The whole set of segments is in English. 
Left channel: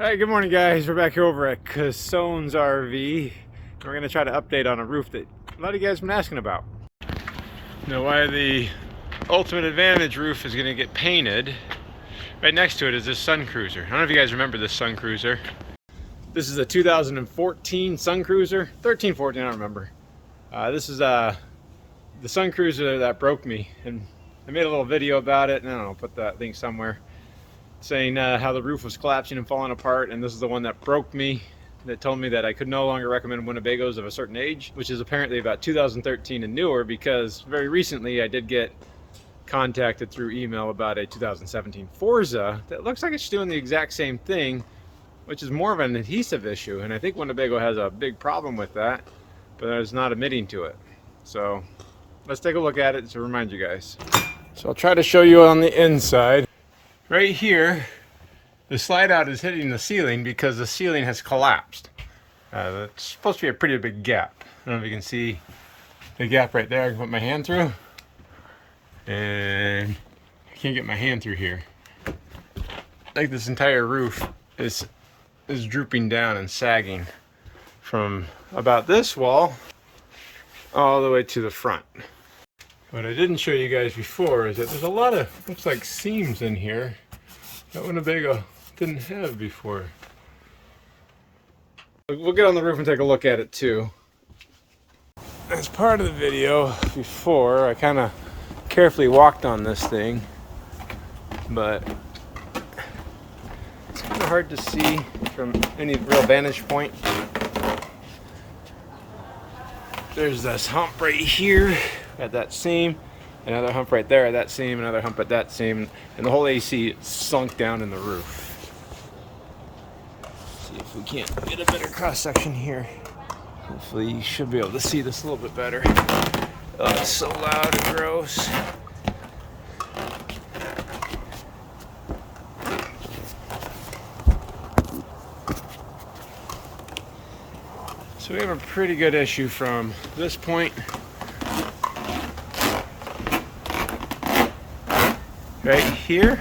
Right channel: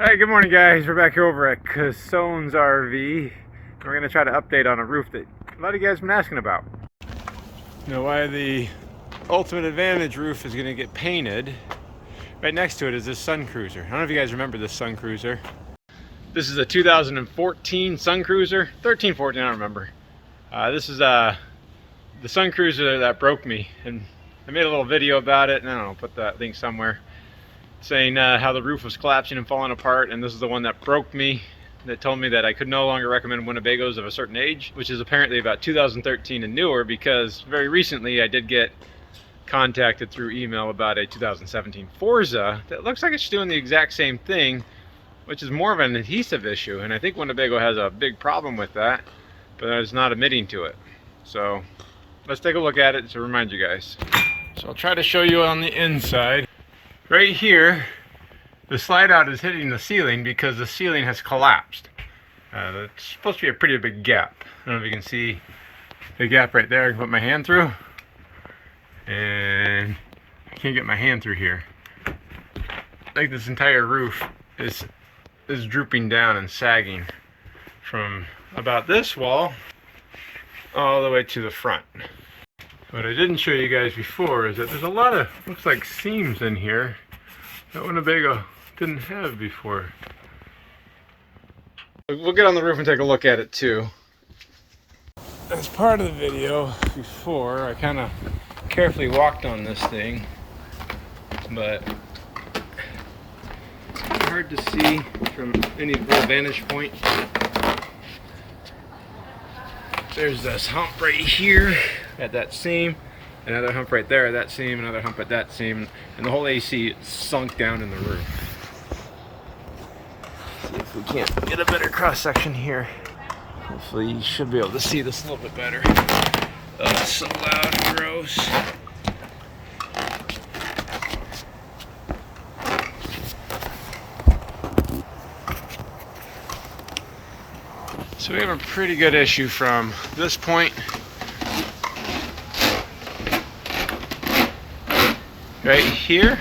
Alright, good morning guys. We're back here over at Cassone's RV. We're going to try to update on a roof that a lot of you guys have been asking about. Now, why the Ultimate Advantage roof is going to get painted. Right next to it is this Suncruiser. I don't know if you guys remember this Suncruiser. This is a 2014 Suncruiser. 13, 14, I don't remember. This is the Suncruiser that broke me. And I made a little video about it, and I don't know, put that link somewhere, saying how the roof was collapsing and falling apart, and this is the one that broke me, that told me that I could no longer recommend Winnebagos of a certain age, which is apparently about 2013 and newer, because very recently I did get contacted through email about a 2017 Forza that looks like it's doing the exact same thing, which is more of an adhesive issue, and I think Winnebago has a big problem with that, but it's not admitting to it. So let's take a look at it to remind you guys. So I'll try to show you on the inside. Right here, the slide out is hitting the ceiling because the ceiling has collapsed. It's supposed to be a pretty big gap. I don't know if you can see the gap right there. I can put my hand through, and I can't get my hand through here. Like this entire roof is drooping down and sagging from about this wall all the way to the front. What I didn't show you guys before is that there's a lot of, looks like, seams in here that Winnebago didn't have before. We'll get on the roof and take a look at it too. As part of the video before, I kind of carefully walked on this thing, but it's kind of hard to see from any real vantage point. There's this hump right here at that seam, another hump right there at that seam, another hump at that seam, and the whole AC sunk down in the roof. See if we can't get a better cross section here. Hopefully you should be able to see this a little bit better. Oh, it's so loud and gross. So we have a pretty good issue from this point right here,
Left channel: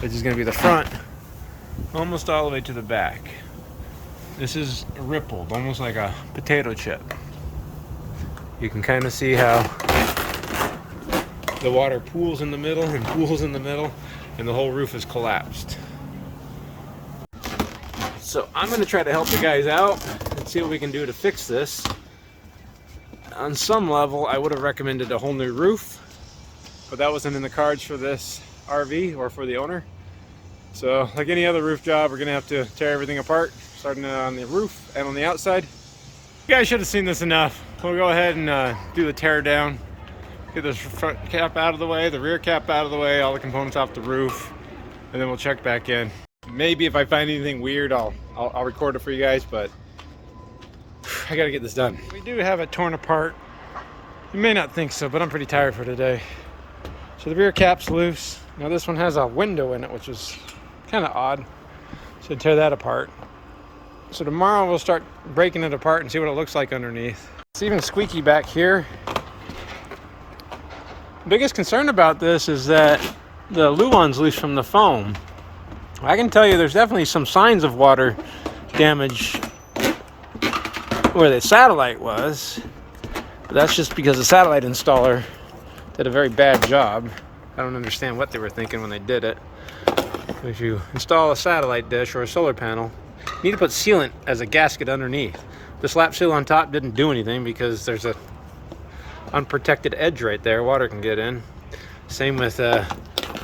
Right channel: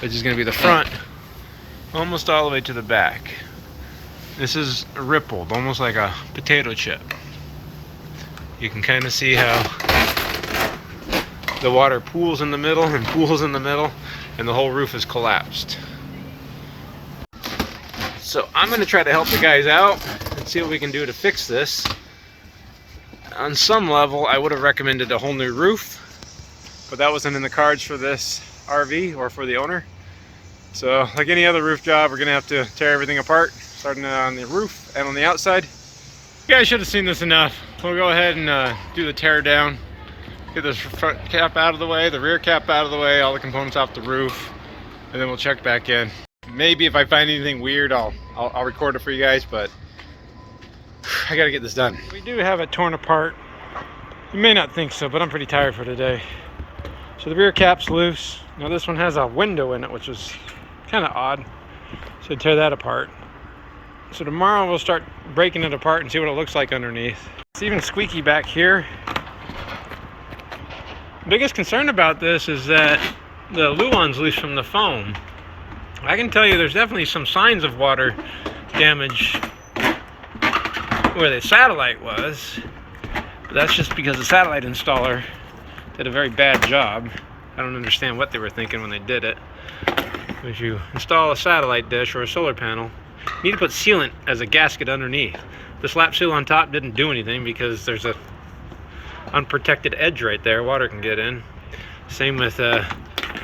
which is going to be the front, almost all the way to the back. This is rippled, almost like a potato chip. You can kind of see how the water pools in the middle and pools in the middle, and the whole roof is collapsed. So I'm going to try to help the guys out and see what we can do to fix this. On some level, I would have recommended a whole new roof, but that wasn't in the cards for this RV or for the owner. So like any other roof job, we're going to have to tear everything apart, starting on the roof and on the outside. You guys should have seen this enough. We'll go ahead and do the tear down, get this front cap out of the way, the rear cap out of the way, all the components off the roof, and then we'll check back in. Maybe if I find anything weird, I'll record it for you guys, but I gotta get this done. We do have it torn apart. You may not think so, but I'm pretty tired for today. So the rear cap's loose. Now this one has a window in it, which is kind of odd. So tear that apart. So tomorrow we'll start breaking it apart and see what it looks like underneath. It's even squeaky back here. Biggest concern about this is that the luan's loose from the foam. I can tell you there's definitely some signs of water damage where the satellite was, but that's just because the satellite installer did a very bad job. I don't understand what they were thinking when they did it. As you install a satellite dish or a solar panel, you need to put sealant as a gasket underneath. The slap seal on top didn't do anything because there's a unprotected edge right there. Water can get in. Same with when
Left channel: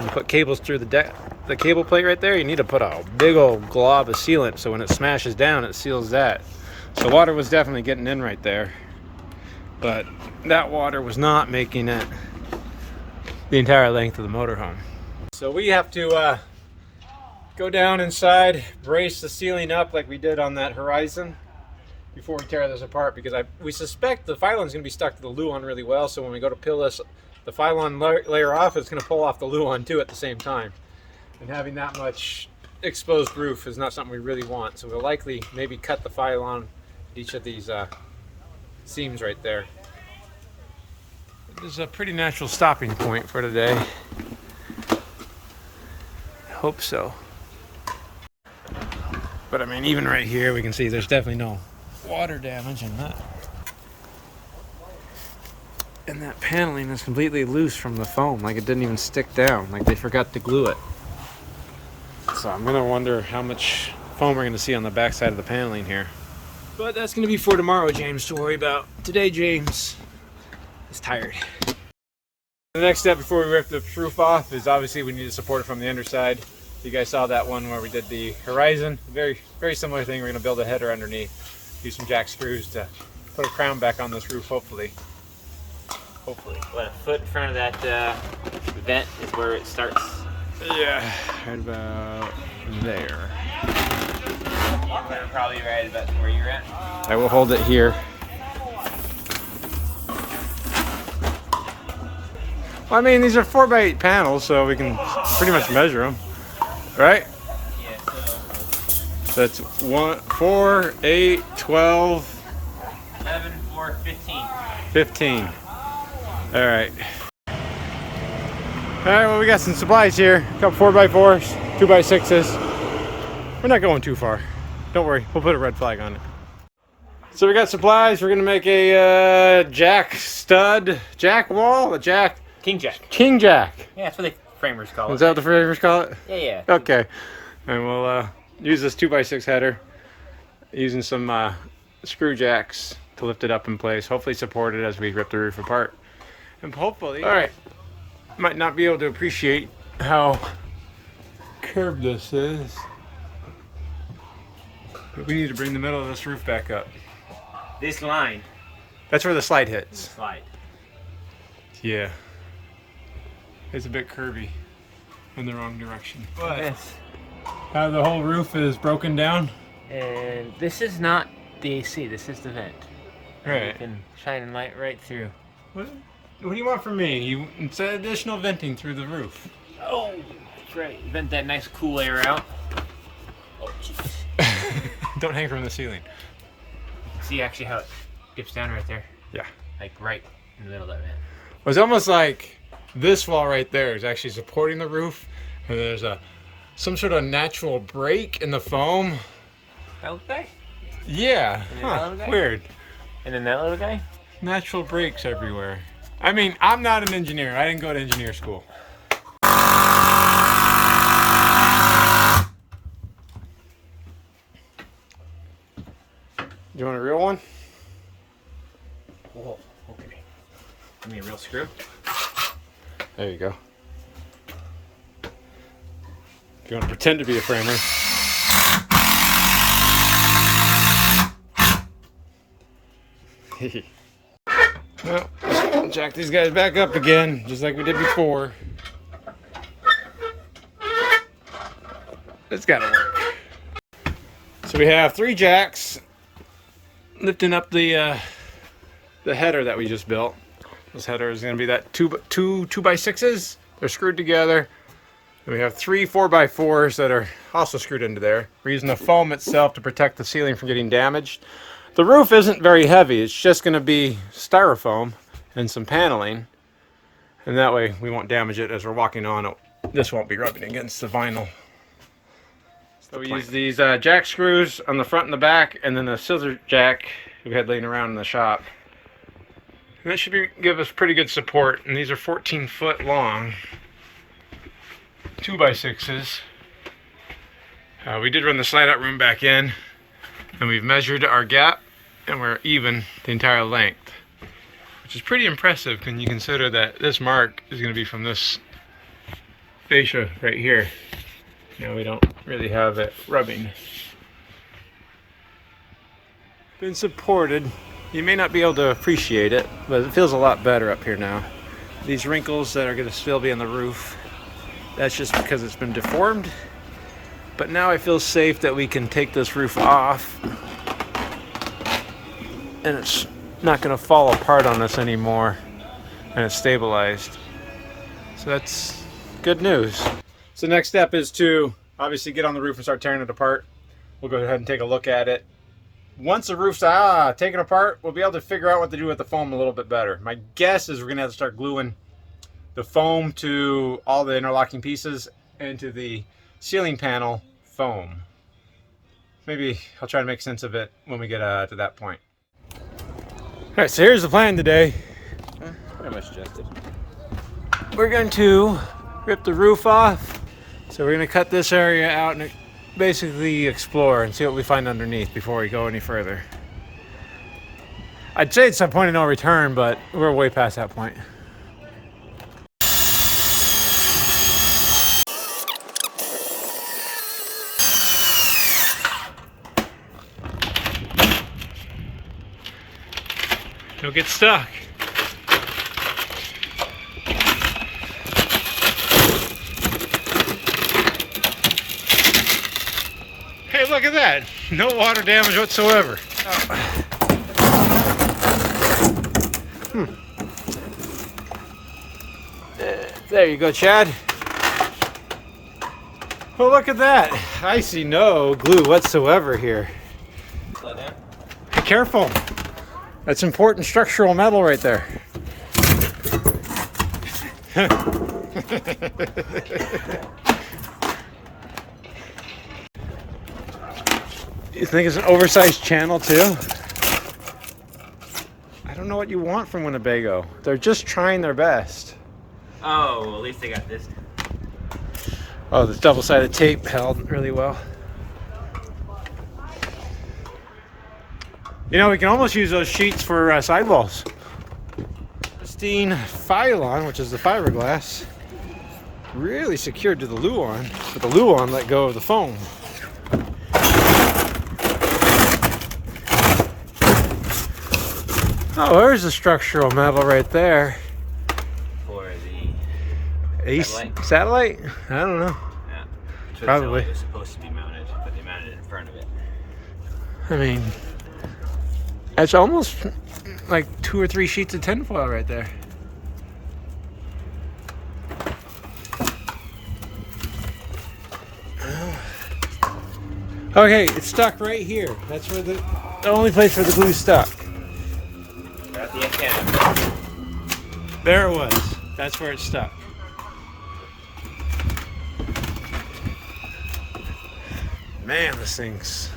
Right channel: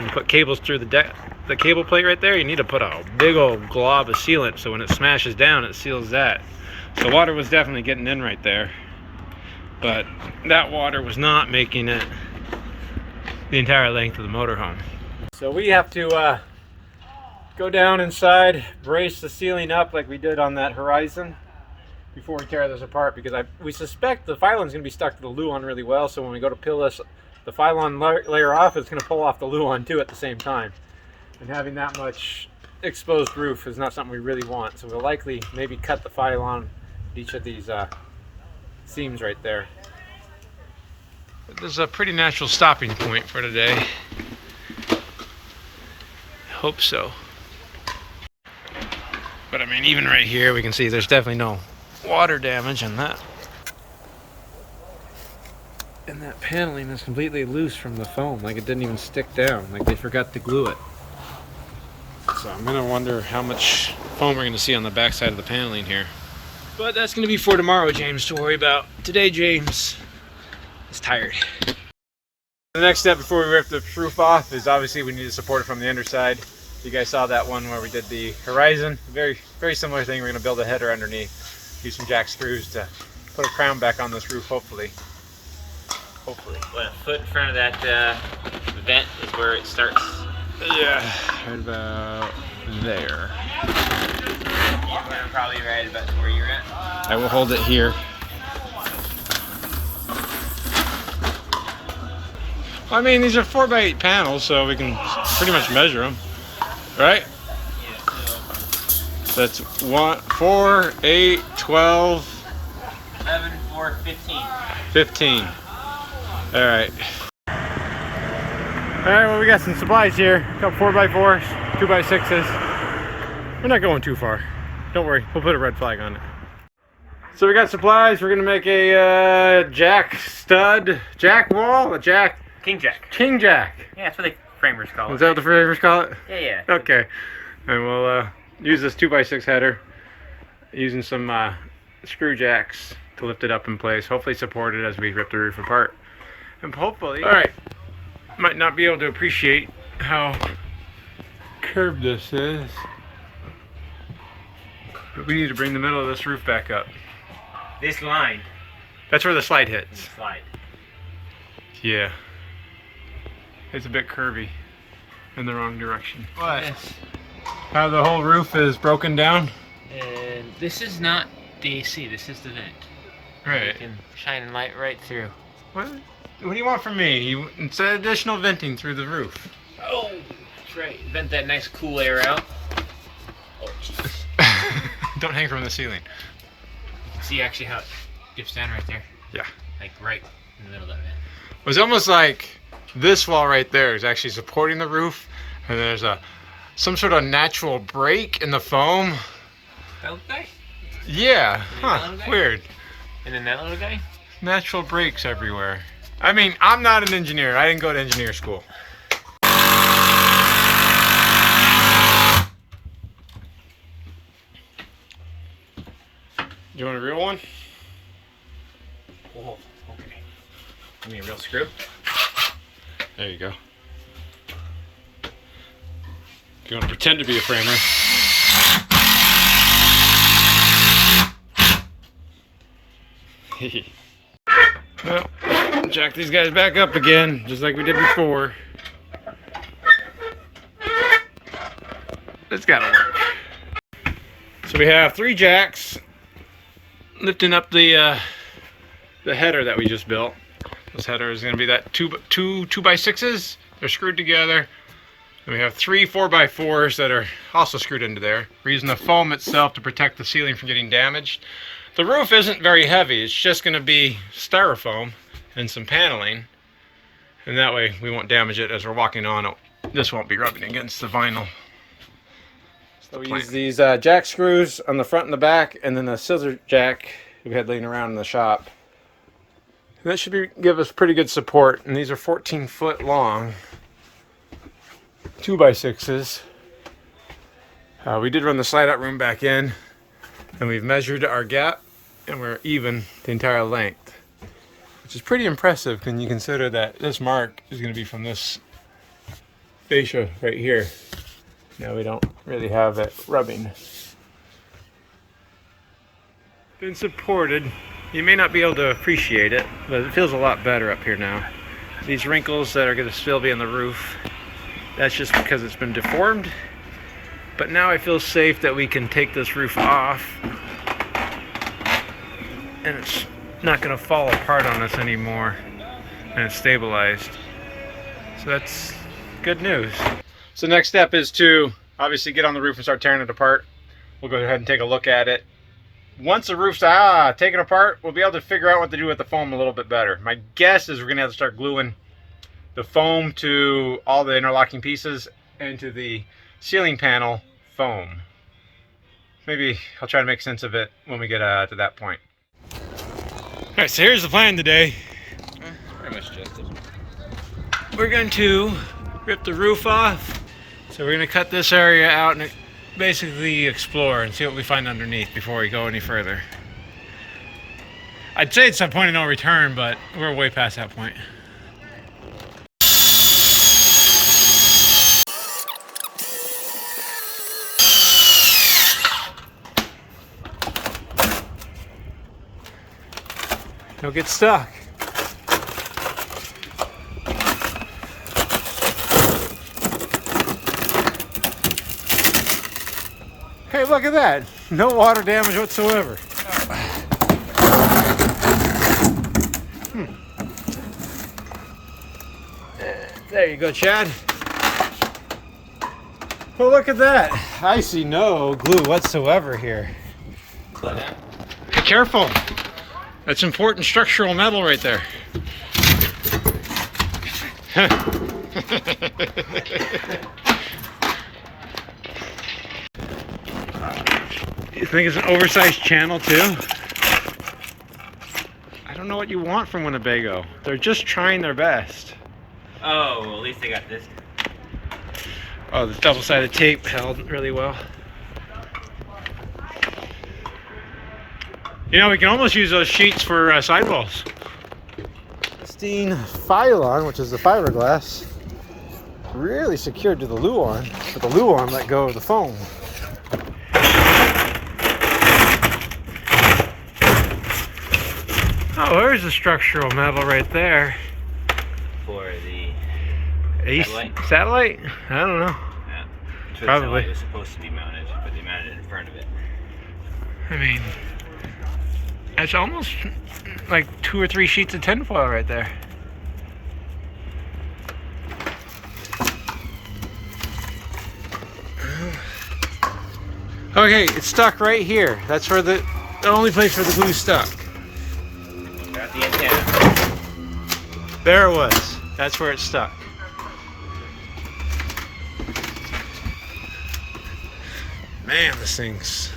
you put cables through the cable plate right there, you need to put a big old glob of sealant so when it smashes down, it seals that. So water was definitely getting in right there, but that water was not making it the entire length of the motorhome. So we have to go down inside, brace the ceiling up like we did on that Horizon before we tear this apart, because we suspect the Phylon's going to be stuck to the luan really well, so when we go to peel this, the Phylon layer off, it's going to pull off the luan too at the same time. And having that much exposed roof is not something we really want, so we'll likely maybe cut the Phylon at each of these seams right there. This is a pretty natural stopping point for today. I hope so. But I mean, even right here, we can see there's definitely no water damage in that. And that paneling is completely loose from the foam, like it didn't even stick down, like they forgot to glue it. So I'm gonna wonder how much foam we're gonna see on the back side of the paneling here. But that's gonna be for tomorrow, James, to worry about. Today, James is tired. The next step before we rip the roof off is obviously we need to support it from the underside. You guys saw that one where we did the horizon. Very similar thing. We're gonna build a header underneath, use some jack screws to put a crown back on this roof, hopefully. What, a foot in front of that vent is where it starts? Yeah, right about there. We're probably right about where you're at. I will hold it here. Well, I mean, these are 4x8 panels, so we can pretty much measure them, right? Yeah, So that's 1, 4, 8, 12, 11, 4, 15. 15. All right. All right, well, we got some supplies here. A couple 4x4s, 2x6s. We're not going too far. Don't worry, we'll put a red flag on it. So we got supplies. We're gonna make a jack wall, a jack. King Jack. King Jack. Yeah, that's what the framers call it. Is that what the framers call it? Yeah. Okay. And we'll use this 2x6 header using some screw jacks to lift it up in place. Hopefully support it as we rip the roof apart. And hopefully, all right, might not be able to appreciate how curved this is, but we need to bring the middle of this roof back up. This line. That's where the slide hits. Slide. Yeah. It's a bit curvy in the wrong direction. But how the whole roof is broken down. And this is not the AC, this is the vent. Right. You can shine light right through. What do you want from me? You said additional venting through the roof. Oh, that's right. Vent that nice cool air out. Oh, jeez. Don't hang from the ceiling. See actually how it dips down right there? Yeah. Like right in the middle of that vent. It was almost like this wall right there is actually supporting the roof, and there's some sort of natural break in the foam. That little guy? Yeah. Huh. Weird. And then that little guy? Natural breaks everywhere. I mean, I'm not an engineer. I didn't go to engineer school. You want a real one? Whoa, okay. Give me a real screw. There you go. If you want to pretend to be a framer. Well, jack these guys back up again, just like we did before. It's gotta work. So we have 3 jacks lifting up the header that we just built. This header is gonna be that 2x6s. They're screwed together. And we have 3 4x4s that are also screwed into there. We're using the foam itself to protect the ceiling from getting damaged. The roof isn't very heavy. It's just going to be styrofoam and some paneling. And that way we won't damage it as we're walking on it. This won't be rubbing against the vinyl. So we use these jack screws on the front and the back, and then a scissor jack we had laying around in the shop. And that should give us pretty good support. And these are 14 foot long 2x6s. We did run the slide out room back in, and we've measured our gap, and we're even the entire length, which is pretty impressive when you consider that this mark is going to be from this fascia right here. Now we don't really have it rubbing. Been supported. You may not be able to appreciate it, but it feels a lot better up here now. These wrinkles that are going to still be on the roof, that's just because it's been deformed. But now I feel safe that we can take this roof off and it's not going to fall apart on us anymore, and it's stabilized. So that's good news. So next step is to obviously get on the roof and start tearing it apart. We'll go ahead and take a look at it. Once the roof's taken apart, we'll be able to figure out what to do with the foam a little bit better. My guess is we're going to have to start gluing the foam to all the interlocking pieces and to the ceiling panel foam. maybe I'll try to make sense of it when we get to that point. All right, so here's the plan today. It's pretty much just it. We're going to rip the roof off. So we're going to cut this area out and basically explore and see what we find underneath before we go any further. I'd say it's a point of no return, but we're way past that point. Don't get stuck. Hey, look at that. No water damage whatsoever. There you go, Chad. Well, look at that. I see no glue whatsoever here. Slow down. Be careful. That's important structural metal right there. You think it's an oversized channel too? I don't know what you want from Winnebago. They're just trying their best. Oh, well, at least they got this. Oh, the double-sided tape held really well. You know, we can almost use those sheets for sidewalls. Pristine Phylon, which is the fiberglass, really secured to the Luan, but the Luan let go of the foam. Oh, there's the structural metal right there. For the Satellite? I don't know. Yeah. Probably. It was supposed to be mounted, but they mounted it in front of it. I mean, that's almost like 2 or 3 sheets of tinfoil right there. Okay, it's stuck right here. That's where the only place where the glue's stuck. Got the antenna. There it was. That's where it's stuck. Man, this thing's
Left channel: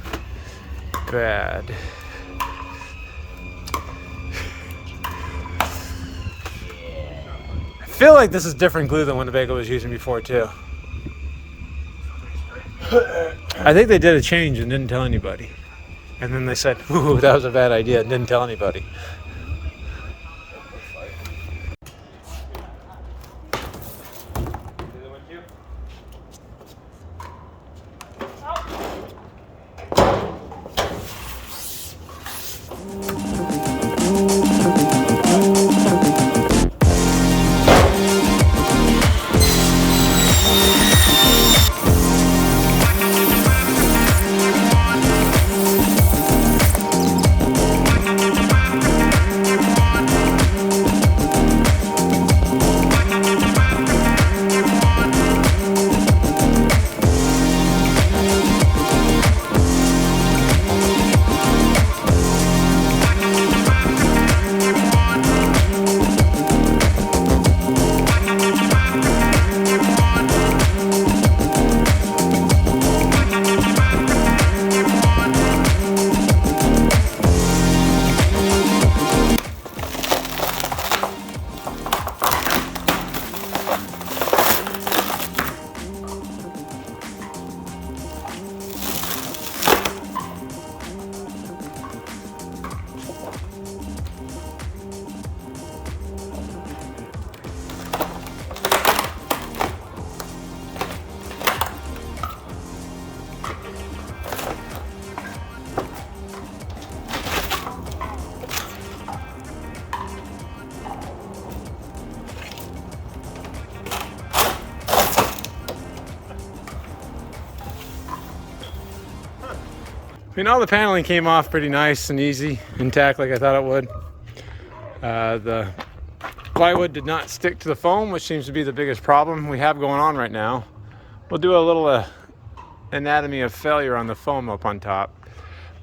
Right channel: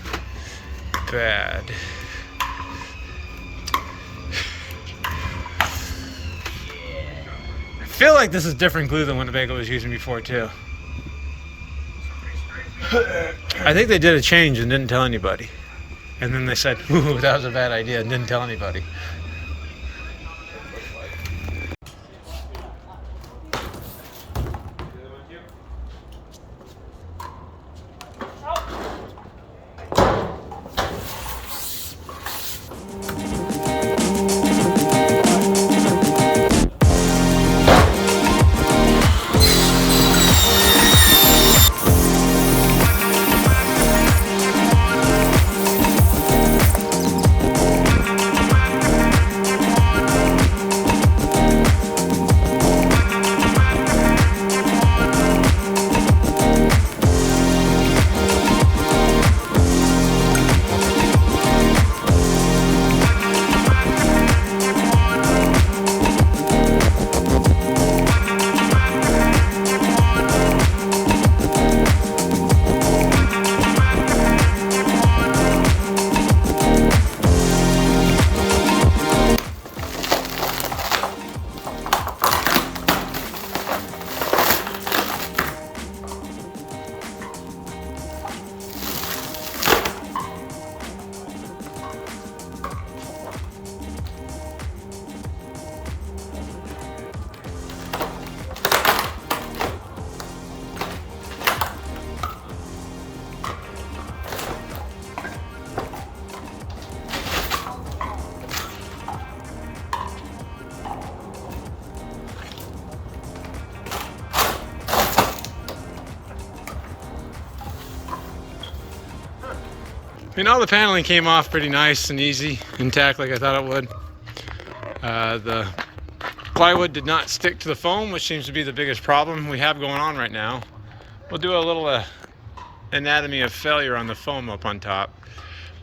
bad. I feel like this is different glue than Winnebago was using before too. I think they did a change and didn't tell anybody. And then they said, ooh, that was a bad idea, and didn't tell anybody. I mean, all the paneling came off pretty nice and easy, intact like I thought it would. The plywood did not stick to the foam, which seems to be the biggest problem we have going on right now. We'll do a little anatomy of failure on the foam up on top.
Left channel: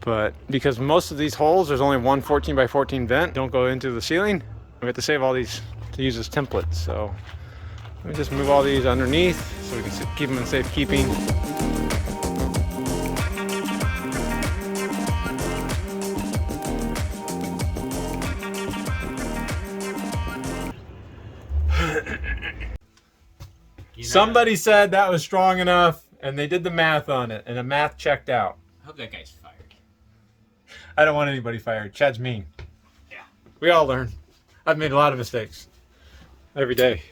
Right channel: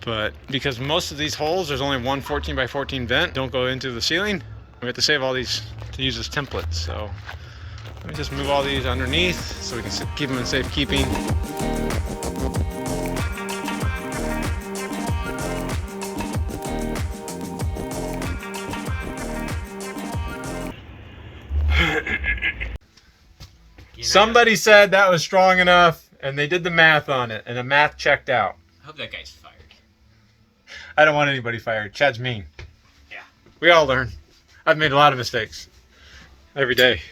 But because most of these holes, there's only one 14 by 14 vent, don't go into the ceiling. We have to save all these to use as templates. So let me just move all these underneath so we can keep them in safekeeping. Somebody said that was strong enough, and they did the math on it, and the math checked out. I hope that guy's fired. I don't want anybody fired. Chad's mean. Yeah. We all learn. I've made a lot of mistakes every day.